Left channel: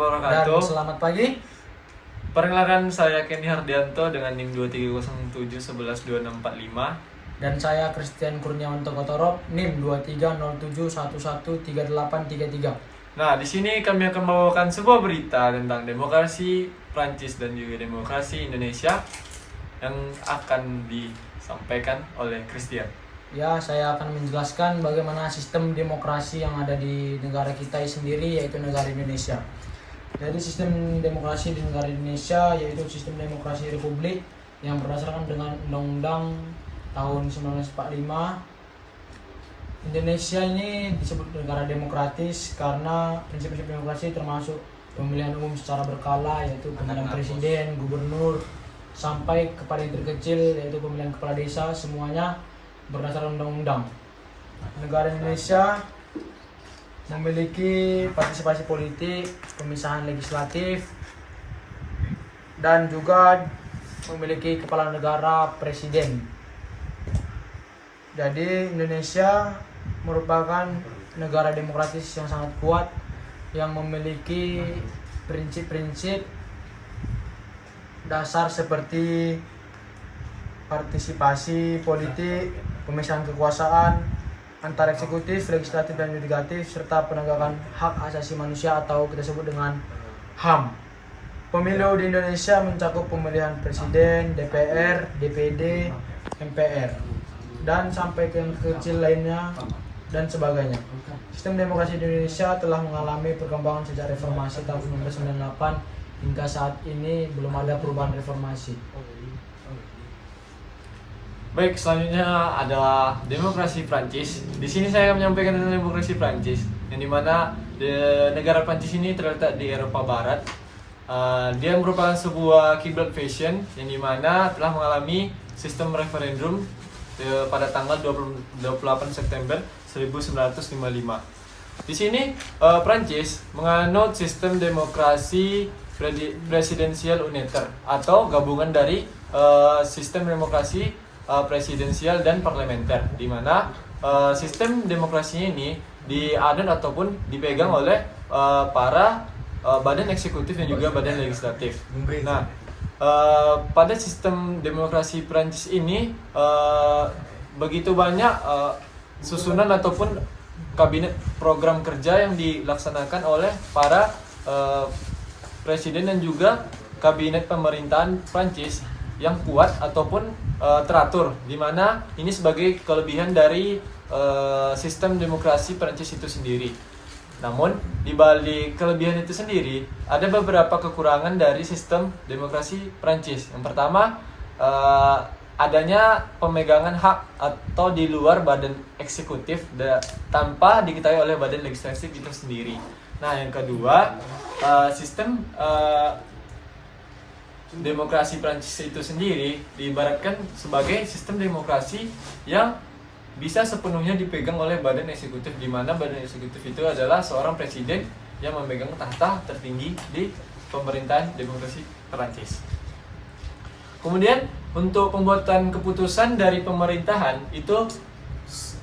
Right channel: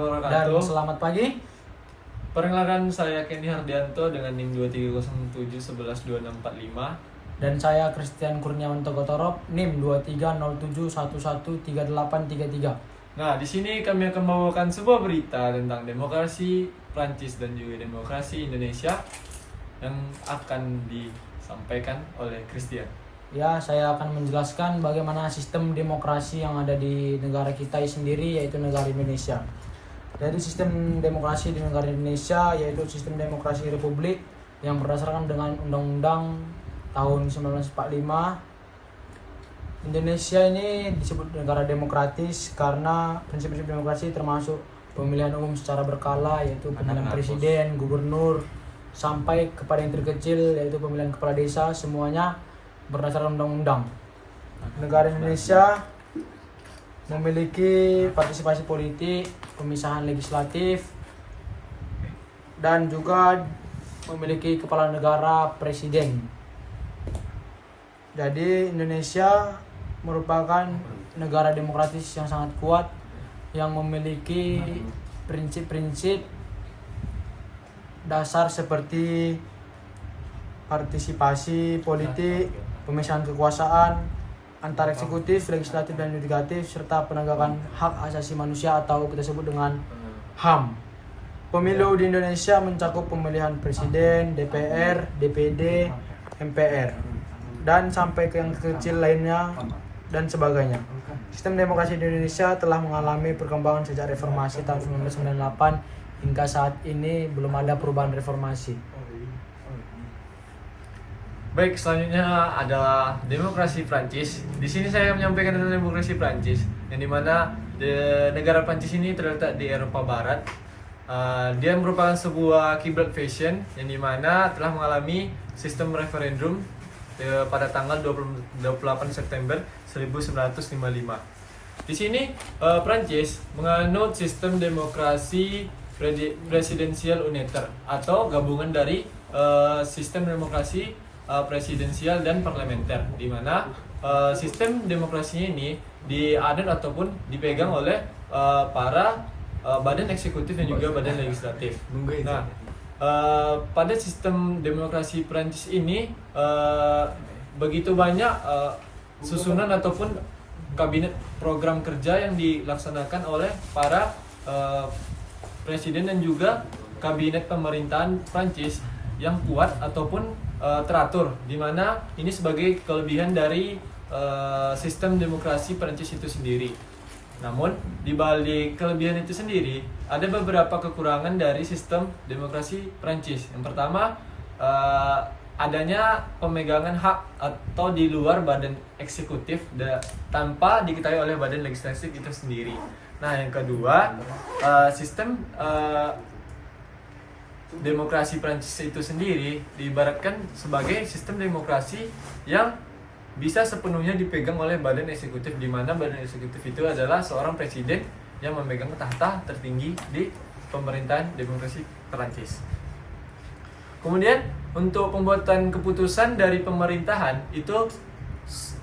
wabarakatuh. Dan selamat pagi. Perkenalkan, saya Kenny Hardianto dengan NIM 2307112645. Dan saya Christian Kurniawan Togotorop, NIM 2307113833. Nah, di sini kami akan membawakan sebuah berita tentang demokrasi Prancis dan juga demokrasi Indonesia yang akan disampaikan oleh Christian. Ya, saya akan menjelaskan bagaimana sistem demokrasi yang ada di negara kita sendiri, yaitu negara Indonesia. Jadi sistem demokrasi di negara Indonesia yaitu sistem demokrasi republik yang berdasarkan dengan Undang-Undang tahun 1945. Indonesia ini disebut negara demokratis karena prinsip-prinsip demokrasi termasuk pemilihan umum secara berkala, yaitu pemilihan presiden, gubernur, sampai kepada yang terkecil yaitu pemilihan kepala desa, semuanya berdasarkan undang-undang. Negara Indonesia memiliki partisipasi politik, pemisahan legislatif, dan juga memiliki kepala negara presiden. Jadi Indonesia merupakan negara demokratis yang sangat kuat yang memiliki prinsip-prinsip dasar seperti partisipasi politik, pemisahan kekuasaan antara eksekutif, legislatif, dan yudikatif, serta penegakan hak asasi manusia atau kita sebut dengan HAM. Pemilu di Indonesia mencakup pemilihan presiden, DPR, DPD, MPR, dan sampai ke yang kecil lainnya dan sebagainya. Sistem demokrasi di Indonesia telah mengalami perkembangan sejak reformasi tahun 1998 hingga saat ini belum ada perubahan reformasi. Baik, selanjutnya adalah demokrasi Prancis. Di sini saya akan menyampaikan tentang demokrasi Prancis, yang dimana negara Prancis ini terletak di Eropa Barat. Dia merupakan sebuah kiblat fashion yang dimana telah mengalami sistem referendum pada tanggal 28 September 1955. Di sini Prancis menganut sistem demokrasi presidensial unitaire atau gabungan dari sistem demokrasi presidensial dan parlementer, di mana sistem demokrasinya ini dianut ataupun dipegang oleh para badan eksekutif dan juga badan legislatif. Nah, pada sistem demokrasi Prancis ini begitu banyak susunan ataupun kabinet program kerja yang dilaksanakan oleh para presiden dan juga kabinet pemerintahan Prancis yang kuat ataupun teratur, di mana ini sebagai kelebihan dari sistem demokrasi Prancis itu sendiri. Namun di balik kelebihan itu sendiri ada beberapa kekurangan dari sistem demokrasi Prancis. Yang pertama, adanya pemegangan hak atau di luar badan eksekutif tanpa diketahui oleh badan legislatif itu sendiri. Nah, yang kedua, sistem demokrasi Prancis itu sendiri diibaratkan sebagai sistem demokrasi yang bisa sepenuhnya dipegang oleh badan eksekutif, di mana badan eksekutif itu adalah seorang presiden yang memegang tahta tertinggi di pemerintahan demokrasi Prancis. Kemudian untuk pembuatan keputusan dari pemerintahan itu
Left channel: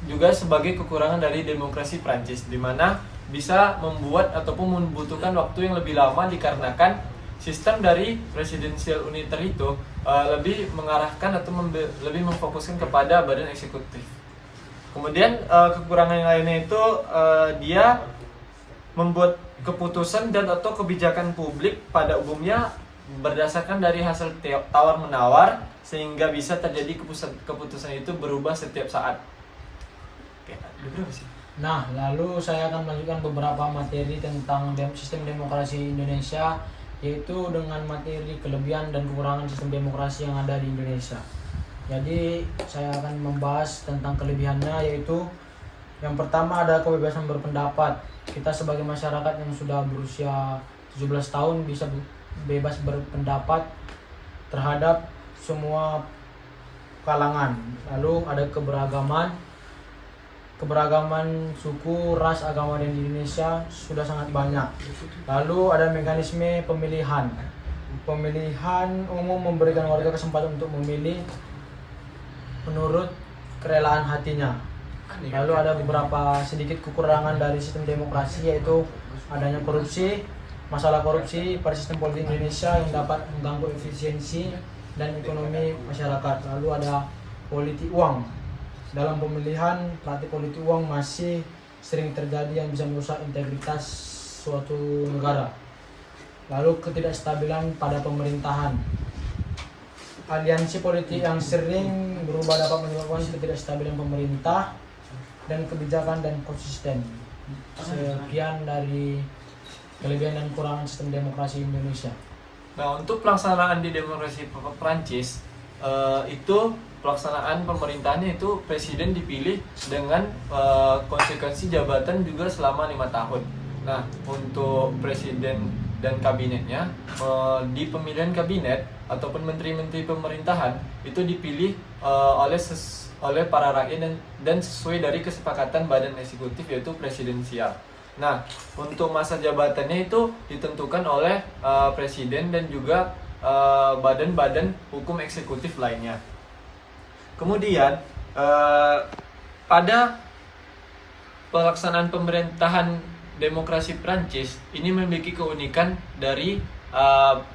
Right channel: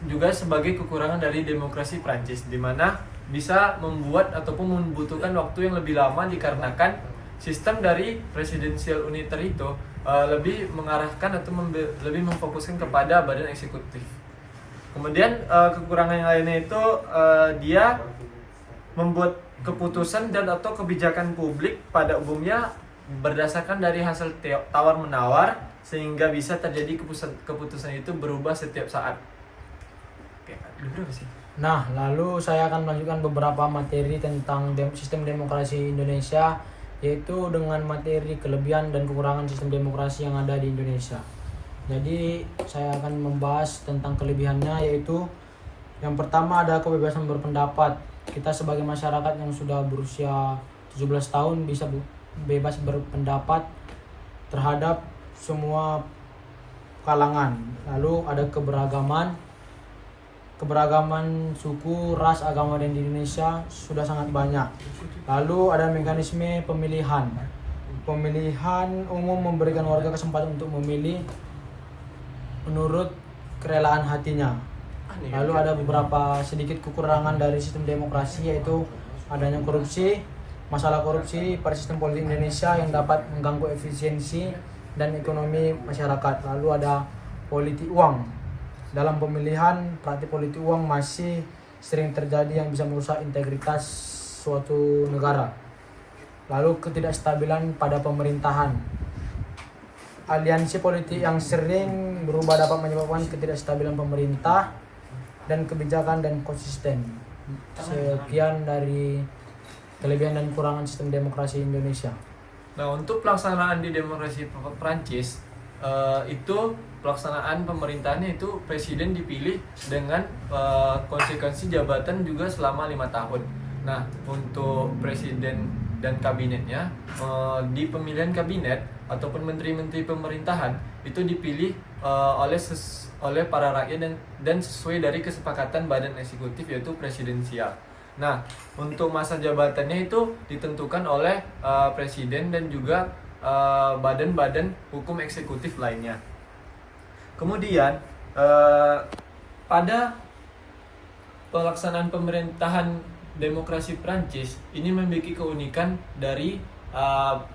juga sebagai kekurangan dari demokrasi Prancis, di mana bisa membuat ataupun membutuhkan waktu yang lebih lama dikarenakan sistem dari presidensial unitaire itu lebih mengarahkan atau lebih memfokuskan kepada badan eksekutif. Kemudian kekurangan yang lainnya itu dia membuat keputusan dan atau kebijakan publik pada umumnya berdasarkan dari hasil tawar-menawar, sehingga bisa terjadi keputusan itu berubah setiap saat. Nah, lalu saya akan melanjutkan beberapa materi tentang sistem demokrasi Indonesia, yaitu dengan materi kelebihan dan kekurangan sistem demokrasi yang ada di Indonesia. Jadi saya akan membahas tentang kelebihannya, yaitu yang pertama ada kebebasan berpendapat. Kita sebagai masyarakat yang sudah berusia 17 tahun bisa bebas berpendapat terhadap semua kalangan. Lalu ada keberagaman suku, ras, agama di Indonesia sudah sangat banyak. Lalu ada mekanisme pemilihan. Pemilihan umum memberikan warga kesempatan untuk memilih menurut kerelaan hatinya. Lalu ada beberapa sedikit kekurangan dari sistem demokrasi, yaitu adanya korupsi, masalah korupsi pada sistem politik Indonesia yang dapat mengganggu efisiensi dan ekonomi masyarakat. Lalu ada politik uang. Dalam pemilihan, praktik politik uang masih sering terjadi yang bisa merusak integritas suatu negara. Lalu ketidakstabilan pada pemerintahan. Aliansi politik yang sering berubah dapat menyebabkan ketidakstabilan pemerintah dan kebijakan dan konsisten. Sekian dari kelebihan dan kekurangan sistem demokrasi Indonesia. Nah, untuk pelaksanaan di demokrasi Prancis itu pelaksanaan pemerintahannya itu presiden dipilih dengan konsekuensi jabatan juga selama 5 tahun. Nah, untuk presiden dan kabinetnya di pemilihan kabinet ataupun menteri-menteri pemerintahan itu dipilih oleh para rakyat dan sesuai dari kesepakatan badan eksekutif yaitu presidensial. Nah, untuk masa jabatannya itu ditentukan oleh presiden dan juga badan-badan hukum eksekutif lainnya. Kemudian pada pelaksanaan pemerintahan demokrasi Prancis ini memiliki keunikan dari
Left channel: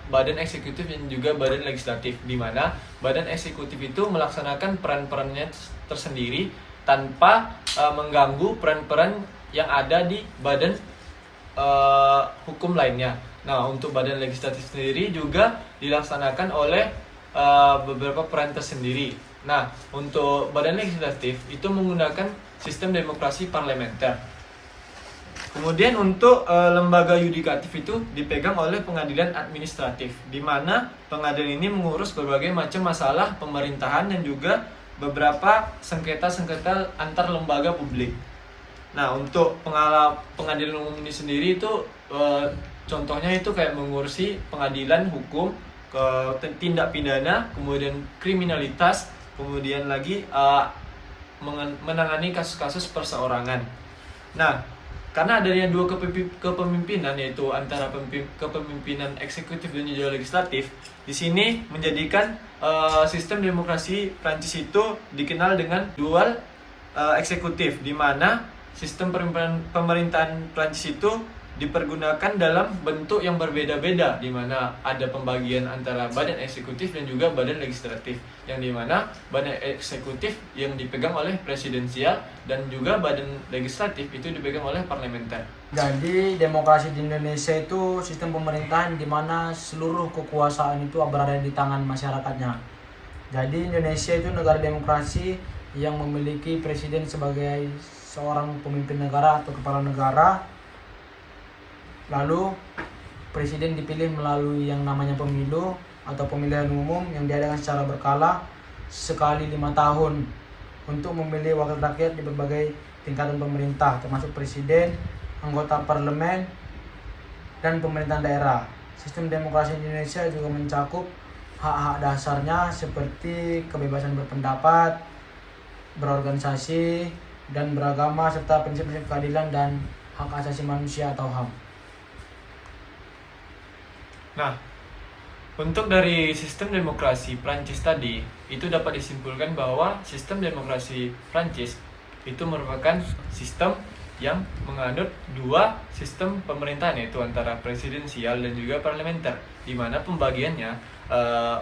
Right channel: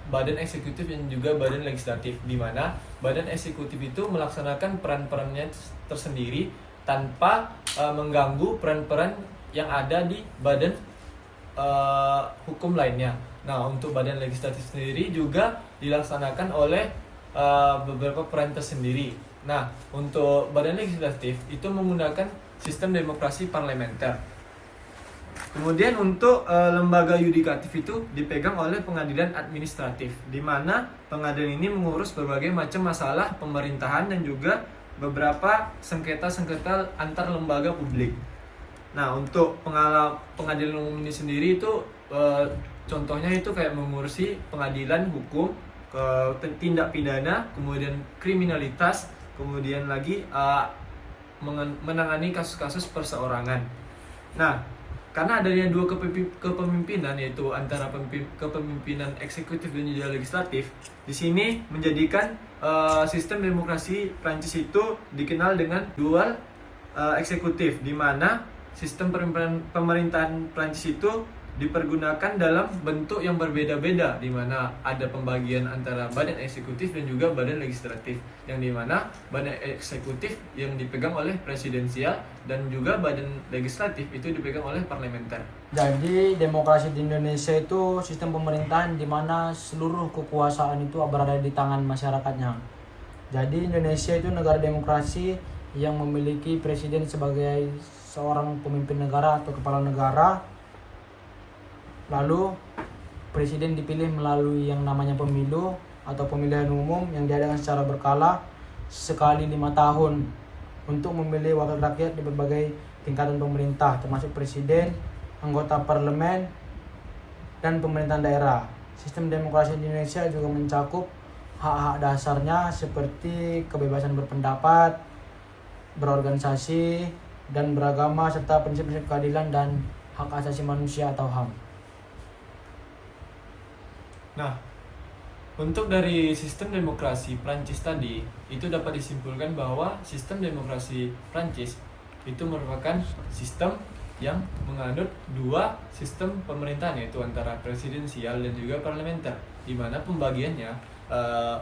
badan eksekutif dan juga badan legislatif, di mana badan eksekutif itu melaksanakan peran-perannya tersendiri tanpa mengganggu peran-peran yang ada di badan hukum lainnya. Nah, untuk badan legislatif sendiri juga dilaksanakan oleh beberapa peran tersendiri. Nah, untuk badan legislatif itu menggunakan sistem demokrasi parlementer. Kemudian untuk lembaga yudikatif itu dipegang oleh pengadilan administratif, di mana pengadilan ini mengurus berbagai macam masalah pemerintahan dan juga beberapa sengketa-sengketa antar lembaga publik. Nah, untuk pengadilan umum ini sendiri itu contohnya itu kayak mengurusi pengadilan hukum, tindak pidana, kemudian kriminalitas, kemudian lagi menangani kasus-kasus perseorangan. Nah, karena adanya dua kepemimpinan yaitu antara kepemimpinan eksekutif dan juga legislatif, di sini menjadikan sistem demokrasi Prancis itu dikenal dengan dual eksekutif, di mana sistem pemerintahan Prancis itu dipergunakan dalam bentuk yang berbeda-beda, di mana ada pembagian antara badan eksekutif dan juga badan legislatif, yang di mana badan eksekutif yang dipegang oleh presidensial dan juga badan legislatif itu dipegang oleh parlementer. Jadi demokrasi di Indonesia itu sistem pemerintahan di mana seluruh kekuasaan itu berada di tangan masyarakatnya. Jadi Indonesia itu negara demokrasi yang memiliki presiden sebagai seorang pemimpin negara atau kepala negara. Lalu presiden dipilih melalui yang namanya pemilu atau pemilihan umum yang diadakan secara berkala sekali 5 tahun untuk memilih wakil rakyat di berbagai tingkatan pemerintah termasuk presiden, anggota parlemen, dan pemerintahan daerah. Sistem demokrasi Indonesia juga mencakup hak-hak dasarnya seperti kebebasan berpendapat, berorganisasi, dan beragama serta prinsip-prinsip keadilan dan hak asasi manusia atau HAM. Nah, untuk dari sistem demokrasi Prancis tadi, itu dapat disimpulkan bahwa sistem demokrasi Prancis itu merupakan sistem yang menganut dua sistem pemerintahan, yaitu antara presidensial dan juga parlementer, di mana pembagiannya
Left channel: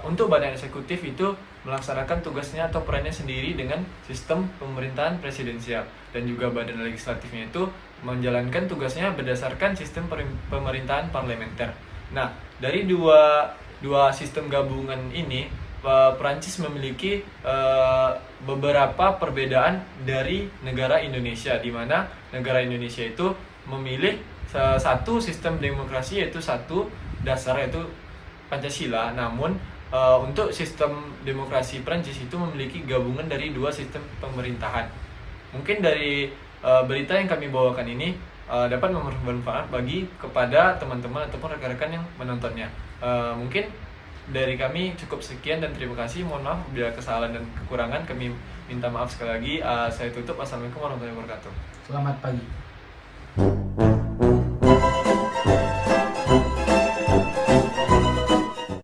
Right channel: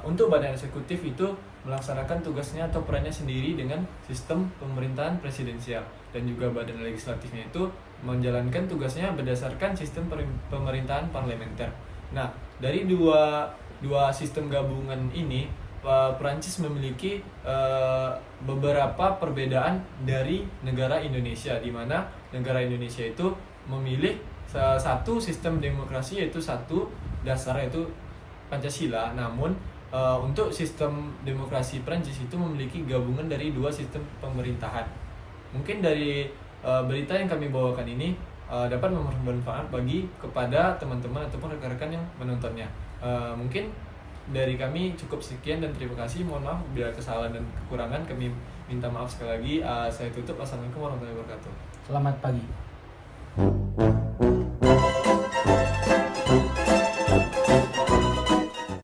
untuk badan eksekutif itu melaksanakan tugasnya atau perannya sendiri dengan sistem pemerintahan presidensial, dan juga badan legislatifnya itu menjalankan tugasnya berdasarkan sistem pemerintahan parlementer. Nah, dari dua sistem gabungan ini, Prancis memiliki beberapa perbedaan dari negara Indonesia, di mana negara Indonesia itu memilih satu sistem demokrasi, yaitu satu dasar yaitu Pancasila. Namun untuk sistem demokrasi Prancis itu memiliki gabungan dari dua sistem pemerintahan. Mungkin dari berita yang kami bawakan ini dapat bermanfaat bagi kepada teman-teman ataupun rekan-rekan yang menontonnya. Mungkin dari kami cukup sekian dan terima kasih. Mohon maaf bila kesalahan dan kekurangan, kami minta maaf sekali lagi. Saya tutup. Assalamualaikum warahmatullahi wabarakatuh. Selamat pagi.